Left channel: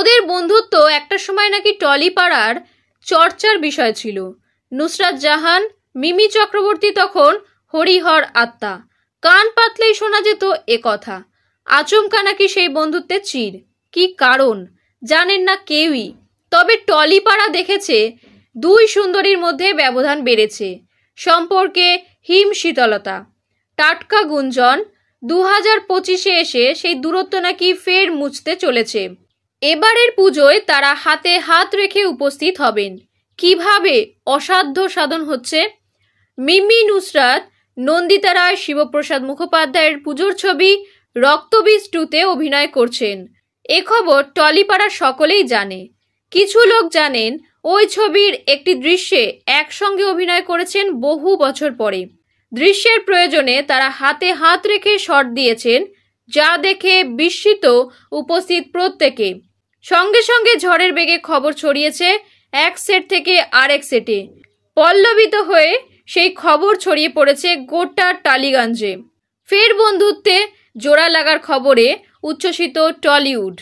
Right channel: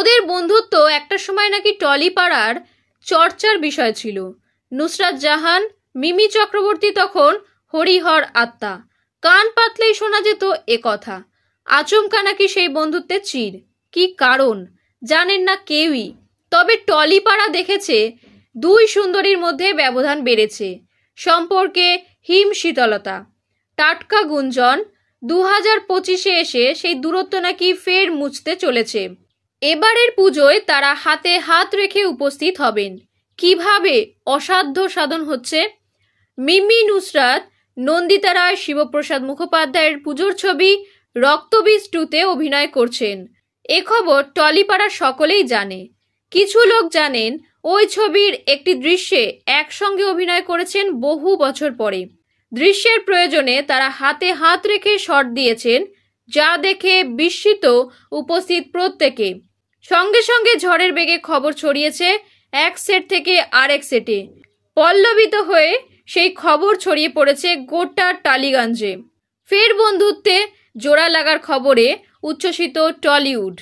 ওদের বন্ধুত্ব একটা সময় নাকি টলিপাড়ার চর্চার বিষয় ছিল। নুসরাত জাহান, মিমি চক্রবর্তী তখন হরিহর আত্মা। কান পাতলেই শোনা যেত এ কথা। আচমকা নাকি সেই বন্ধুত্বের চির। কি কারণ জানেন না কেউই। তবে টলিপাড়া দেখেছে দুই সুন্দরীর মধ্যে ব্যবধান বেড়েছে, সম্পর্কে হিম শীতলতা। টাটকা গুঞ্জন 2025-এ এসে সেই দূরত্ব নাকি ফের মুছতে চলেছে। এবারের পুজোয় তারা হাতে হাত রেখে উপস্থিত হবেন। কিভাবে অসাধ্য সাধন হচ্ছে। মিমি নুসরাত নন্দিতা রায় শিবপ্রসাদ মুখোপাধ্যায়ের পুজোর ছবি রক্তবীজ 2-তে অভিনয় করছেন। এ খবর টলিপাড়ার সকলেই জানে। কিছু লোক জানেন ওই ছবির একটি দৃশ্যে একসঙ্গে অভিনয় করেছেন বহু বছর পরে। দৃশ্যের প্রয়োজনে তারা হাতে হাত রেখে শট দিয়েছেন, যা দেখে বিস্মিত উপস্থিত প্রত্যেকে। সঙ্গে সঙ্গে ঝড়ের বেগে খবর ছড়িয়েছে এক সেট থেকে আরেক সেটে। পল্লবিত হয়ে সেই খবর ছড়িয়ে পড়েছে গোটা টালিগঞ্জে। ফের বন্ধুত্বে জোড়া লাগার খবরে উচ্ছ্বসিত টলিউড।